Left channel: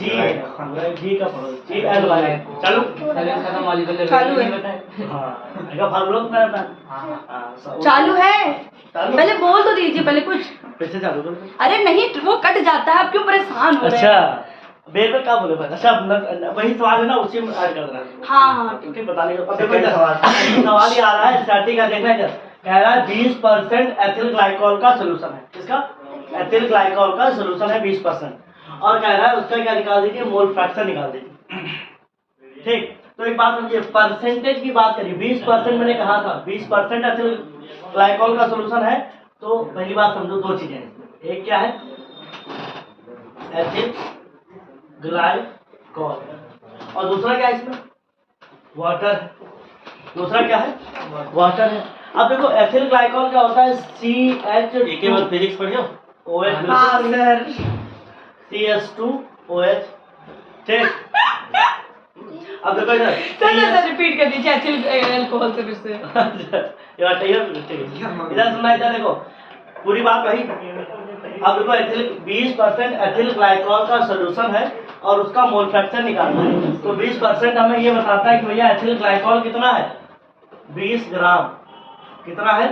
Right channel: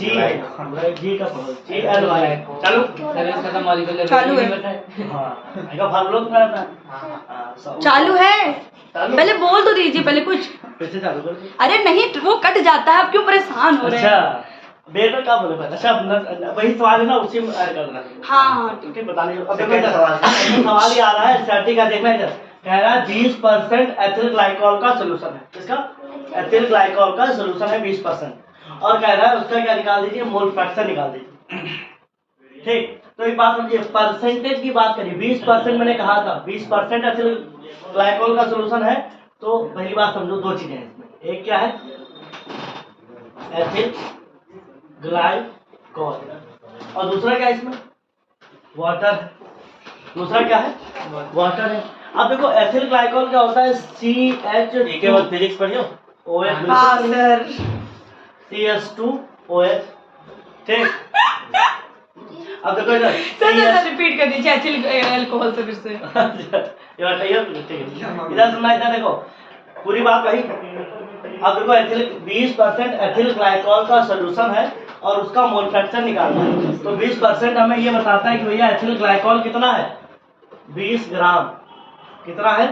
जी है, जी का पढ़ो, जी एल वाई चलो खत्म मॉलिक्यूलर चालू है। हाँ आएगा फार्मूला तो मेरा था चालू है, चालू पहले बोल तो दीजिए पहले कुछ। फिर से चालू कर दो। अरे नहीं वो कट जाता है, आप क्यों परेशान हो रहे अच्छा हैं? बेर में क्या बोले भाई? अच्छा वही सवाल है ना, उसी में ऐड कर देना। हाँ हाँ ठीक है बताने अब देखो इधर सवाल ही आ रहा है स्टैटिक का, देखना इधर कह रहा है 20% एथिल ग्लाइकॉल का सॉल्यूशन है। किसका? एथिल ग्लाइकॉल का सॉल्यूशन है 20%, और कह रहा है उसका क्या निकाल दीजिए, मोल फ्रैक्शन निकाल दीजिए। ठीक, तो एक बात समझिए, परसेंटेज की बात करिए। 20% मैंने कहा था 20% एथिल ग्लाइकॉल का सॉल्यूशन है, तो पहली बात समझो दो चीजें हैं इसमें। एक क्या है? एथिल ग्लाइकॉल, और दूसरा क्या है इसमें? वाटर है। दूसरा क्या है? वाटर है। अब देखो एथिल ग्लाइकॉल क्या होता है? CH एक बार फिजिक्स पढ़ियो, OH हाँ सर। CH2OH। ठीक, अब देखो इधर सर रिपीट कर दीजिए एथिल अल्कोहल से फिर से। ये बात ठीक है, इधर सुनना, इधर देखो पूरी बात वही। अब देखो एथिल 20% एथिल ग्लाइकॉल का सॉल्यूशन है और उसका मोल फ्रैक्शन निकालना है, तो 20% हमें ये बताता है कि भैया एथिल ग्लाइकॉल कितना है? 20 ग्राम। कितना है?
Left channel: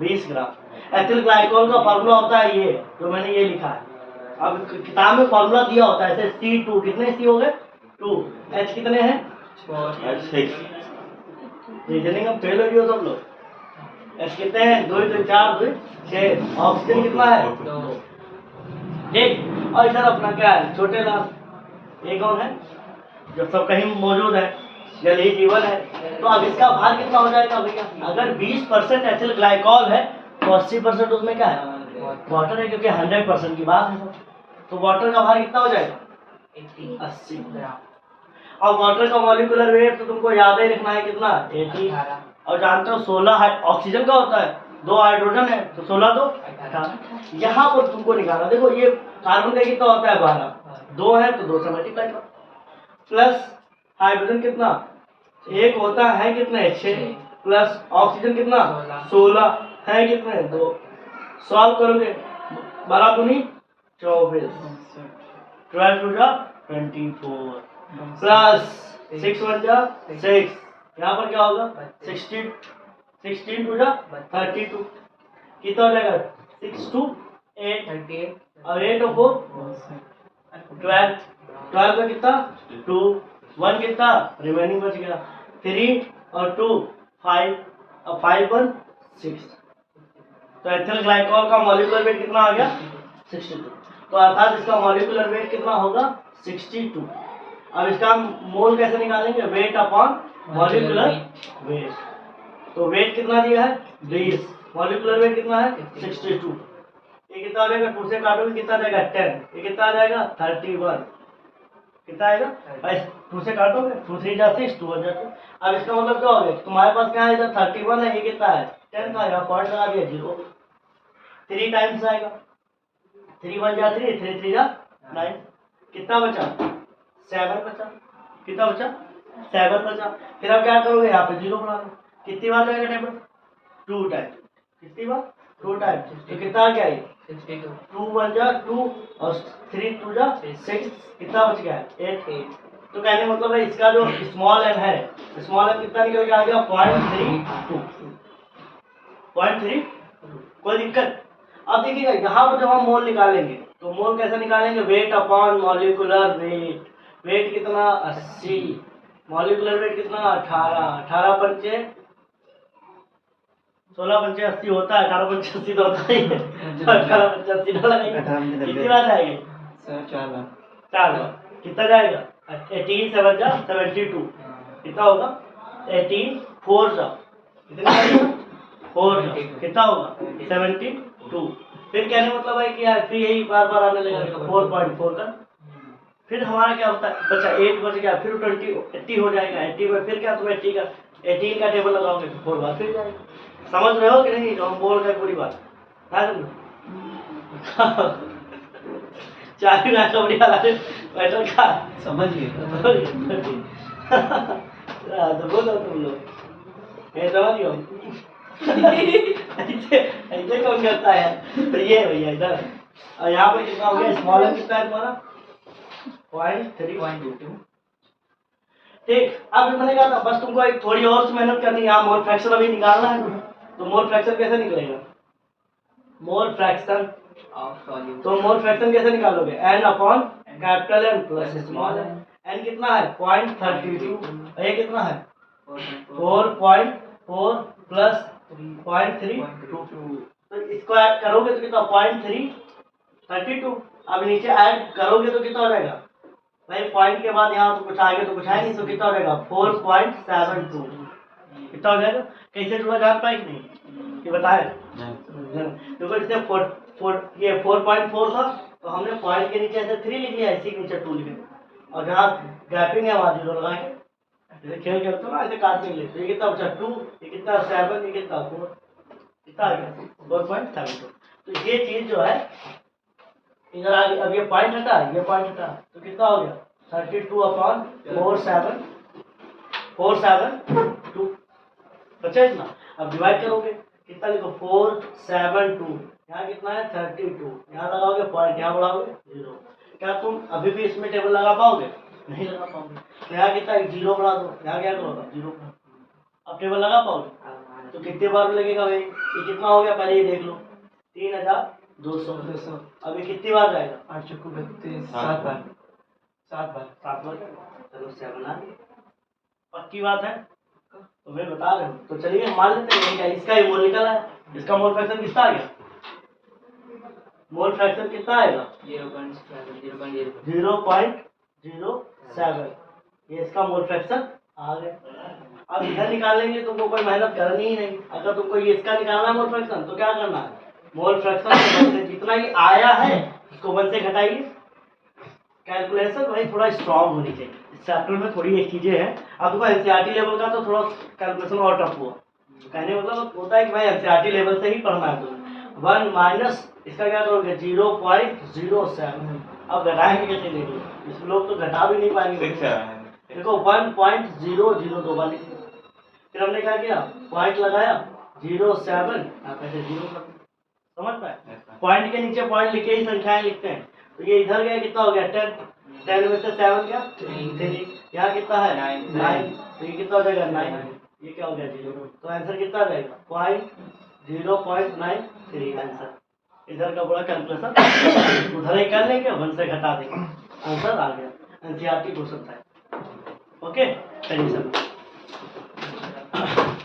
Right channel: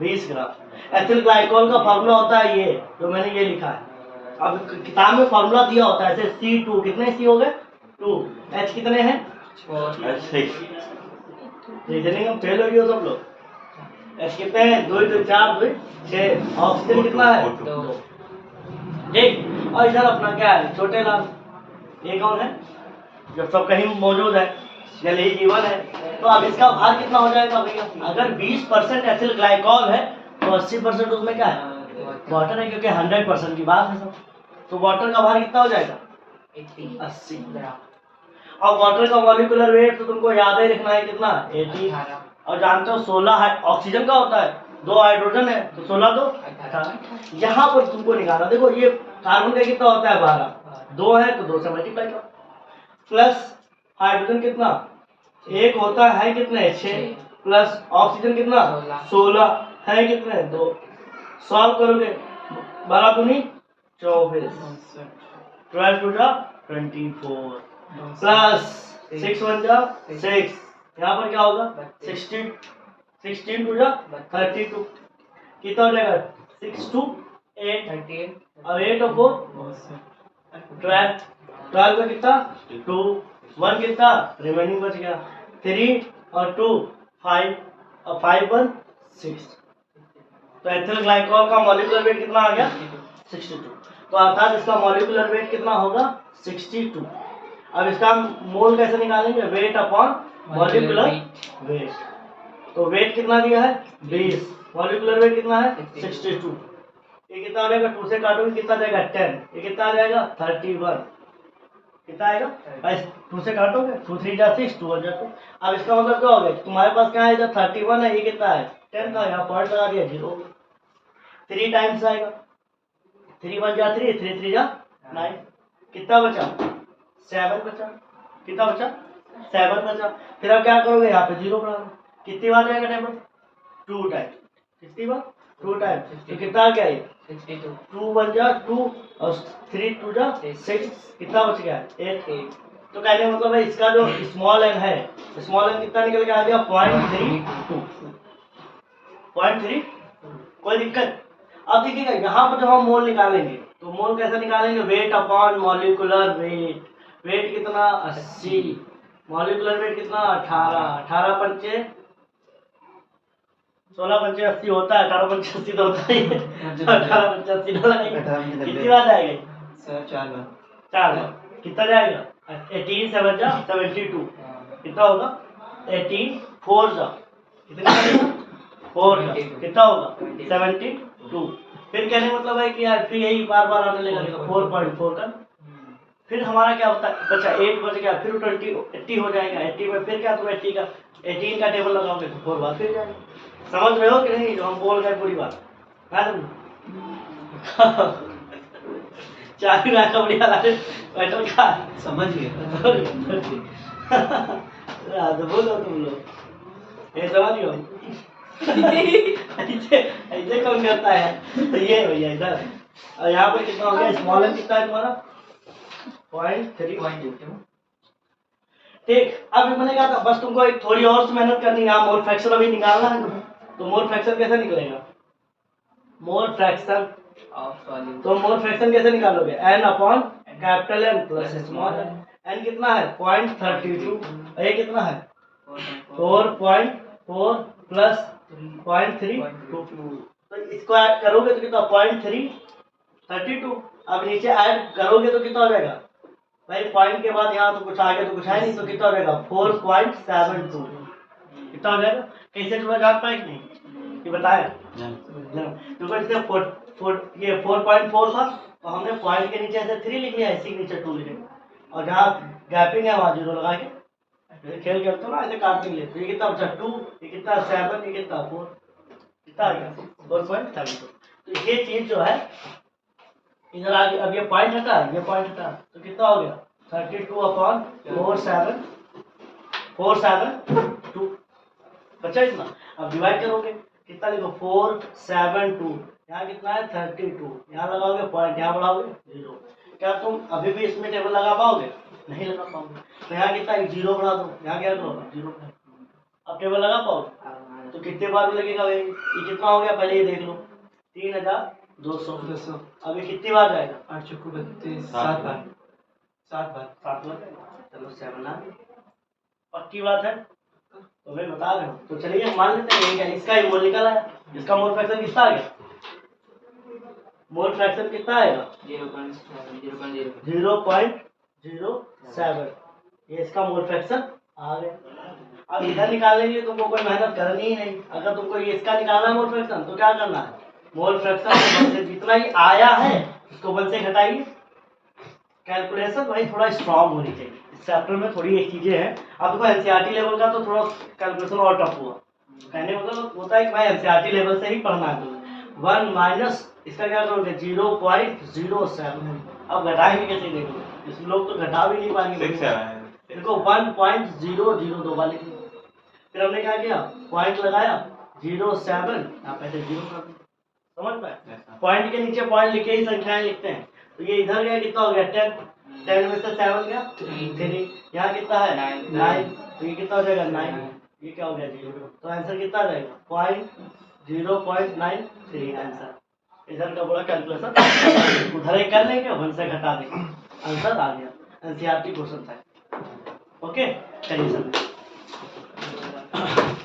20 ग्राम। एथिल ग्लाइकॉल का फार्मूला होता है ये जो मैंने ये लिखा है। अब किताब में फार्मूला दिया होता है ऐसे C2, कितने C हो गए? 2। H कितने हैं? 6। रीजनिंग में फेल हो गए हो सब लोग। H कितने हैं? 2 2 4 2 6। ऑक्सीजन कितना है? 2। ठीक, और इधर अपना क्या है? छोटे लाल, ये कौन है? जब सब कहीं मौजूद है, जल ही जीवन है। तो अब इसका भार कितना हो जाएगा भैया? अगर 20% एथिल ग्लाइकॉल है तो 80% उसमें क्या है? वाटर है, क्योंकि 100% की बात है सब। तो वाटर का भार कितना हो जाएगा? 80 ग्राम। और वाटर का मॉलिक्यूलर वेट तो तुमको याद ही रखना है, कितना? 18। और जानते हो 16 ऑक्सीजन का होता है, 2 हाइड्रोजन है, तो 16 तो 18। यहाँ पर तुमको निकालना, देखो ये कार्बन का कितना होता है? 12। 2 है तो 2 से मल्टीप्लाई करो, प्लस हाइड्रोजन कितना? 1 होता है कितने? 6, प्लस ऑक्सीजन कितना? 16 है कितने? 2। सॉल्व करोगे 12 दूनी 24, 12 टू जा 24, प्लस 6 1 जा 6, यहाँ पर क्या होगा? 16, 16 टू जा 32, कितना हो जाएगा? 6 2 8, 38 और 8 और 4 12, 12 का कितना? 2, 1 कितना? रिमेनिंग बच गया 3 और 2 5 और 5 1 6। तो एथिल ग्लाइकॉल का मॉलिक्यूलर वेट कितना आ गया? 62। तो अर्थात इसका मॉलिक्यूलर वेट कितना होगा? 62। अब इसका मोल कैसे निकालेंगे? Weight upon molecular wait. तो वेट कितना दिया है? 20, मॉलिक्यूलर वेट कितना है? 62। ये कितना आ जाएगा? 2 से काटोगे कितना जाएगा? 10। ये कितना आ जाएगा? 31। कितना आएगा? 2 से काटोगे 2 3 जा 6, 2 जा 2। अब इसका मतलब क्या हो गया? तुम्हारे पास क्या है? इधर 31 है, ये कितना है? 10 का, यहाँ पॉइंट लगा दिया 0। 3 टाइम्स आएगा, 3 1 जा 3, 3 3 जा 9। कितना बचा? 7 बचा। कितना बचा? 7 बचा। फिर अब क्या करोगे? यहाँ पे 0 बढ़ा दो। कितनी बार जाएगा टेबल? 2 टाइम। कितनी बार? 2 टाइम। तो कितना आ गया? 62। 2 1 जा 2 और 3 2 जा 6। कितना बच गया? 8। तो कहने का मतलब है इसका जो स्मॉल एन है, स्मॉल एन कितना निकल के आ गया? 0.32। 0.3। कोई दिक्कत? अब देखिएगा यहाँ पर जब हम मोल निकालेंगे तो मोल कैसे निकालेंगे? Weight upon molecular weight. Weight कितना? 80। मॉलिक्यूलर वेट कितना? 18। 18 पंचे 16 पंचे 80 होता है, 18 पंचे 80 तो होता ही है। 18 पंचे 80 ना लगाएंगे, कितनी बात आएगी? 4 कितना जाएगा? 18 7 जा 72। कितना होगा? 18 4 जा कितना जाएगा? 4 जा कितना होगा? 72। फिर कहने मतलब है कि यार फिर यही बार बार आने लगेगा 4.4 का। फिर हमारा क्या होता है? बचा 8 बच गया, फिर 80 हो जाएगा। 80 में फिर क्या तुम 80 का 18 का टेबल लगाओगे तो 4 बार फिर जाएगा। समझ रहे हो कि नहीं? जो हम बोल रहे पूरी बात क्या समझो? चाबी ना कबड़ी वाला बैठल का समझ गए। तो बोलो तुम लोग ये समझ गए? ऐसे ऐसे कौन करता है? तो ये भैया इधर, और यहाँ पर कितना हो गया? स्मॉल एन कितना है तुम्हारा? 0.32। ठीक, अब ये बनेगा था, बस तुमको एक थोड़ी और मेहनत करनी है। यहाँ मोल फ्रैक्शन अभी निकालना है, तो मोल फ्रैक्शन कैसे निकलेगा? मोल फ्रैक्शन, तो मोल फ्रैक्शन कैसे निकालोगे? n upon capital N plus small n। n कितना है? 0.32। ये कितना है? 4.4 प्लस 0.32। तो इसको ऐड करोगे तो कितना? 0.332। अब नीचे ऐड करोगे तो कितना हो जाएगा भाई? पॉइंट के बाद यहाँ तो कुछ आगे तो कुछ है नहीं, तो कितना हो जाएगा? 4.72। कितना हो जाएगा? कैसे जुड़ा जान पाए कि नहीं ये बताए? देखो जैसे ये 4.4 था, तो हमने पॉइंट के नीचे ऐसे 3 लिख लिया, इसी के नीचे 2 लिखे, और जहाँ गैपिंग है वहाँ 0 लगा के जैसे खेल खेलते हो ना, ऐसे काटने के लिए। तो ये कितना बचा? 2, ये कितना? 7, ये कितना? 4, कितना आ गया? 4.32। तो ये चीज जो है इधर आगे, अब ये पॉइंट हटा, ये पॉइंट हटा, तो कितना हो गया? 32 अपॉन 472 बचा इतना। अब डिवाइड करोगे कितना? लिखो 472, यहाँ कितना है? 32, यहाँ लगाओगे पॉइंट, यहाँ बढ़ाओगे 0। क्या तुम अभी भी इसमें टेबल लगा पाओगे? नहीं लगा पाओगे। तो यहाँ कितना? 0 बढ़ा दो, यहाँ क्या करो? 0 बढ़ा। अब टेबल लगा पाओगे? तो कितने बार लगेगा भाई? ये कितना हो गया पहले ये देख लो, 3200। अब ये कितनी बार जाएगा? 8 चक्कू 32, 7 बार। 7 बार। चलो 7 आ गई। पक्की बात है? तो मैं बता रहा हूँ। तो चलिए मान लेते हैं क्या इसका ही मोल निकल आया। इसका मोल फ्रैक्शन कितना आ गया? मोल फ्रैक्शन कितना आएगा? 0.07। ये इसका मोल फ्रैक्शन आ गया। अब इधर निकालने के लिए तुमको कोई मेहनत करनी ही नहीं। अगर तुमको ये इसका निकालना है मोल फ्रैक्शन, तो क्या करना है? मोल फ्रैक्शन से जितना ही आया है उसको 1 से घटाइए। कैलकुलेशन भाई थोड़ा स्ट्रांग होनी चाहिए। इस चैप्टर में थोड़ी एक चीजें हैं। अब देखो एनसीईआरटी लेवल का तो थोड़ा कैलकुलेशन और टफ हुआ। कहने मतलब होता है कि भाई एनसीईआरटी लेवल से ही पढ़ना है तुम्हें। 1 माइनस इसका क्या करोगे? 0.07। अब घटाएंगे कैसे? देख लो, इस लोग तो घटा भी नहीं पाएंगे। देखो 1.002 बार लिख लो। फिर हमने क्या किया? पॉइंट लगाया 07, यहाँ पे 0 कर दो। समझ पाए? पॉइंट के नीचे पॉइंट लिखे ही संख्याएं लिखते हैं। तो ये इधर गया, कितना हो गया? 10। 10 में से 7 गया 3। यहाँ कितना है? 9। तो ये कितना हो जाएगा? 9। ये क्या हो गया? 0। तो आंसर कितना आ जाएगा? 0.93 आंसर। इधर का पूरा कैलकुलेशन उधर ही कर लेंगे, 1 से घटा देंगे, आंसर आ गया। एनसीईआरटी क्वेश्चन था। ओके, चलिए सर।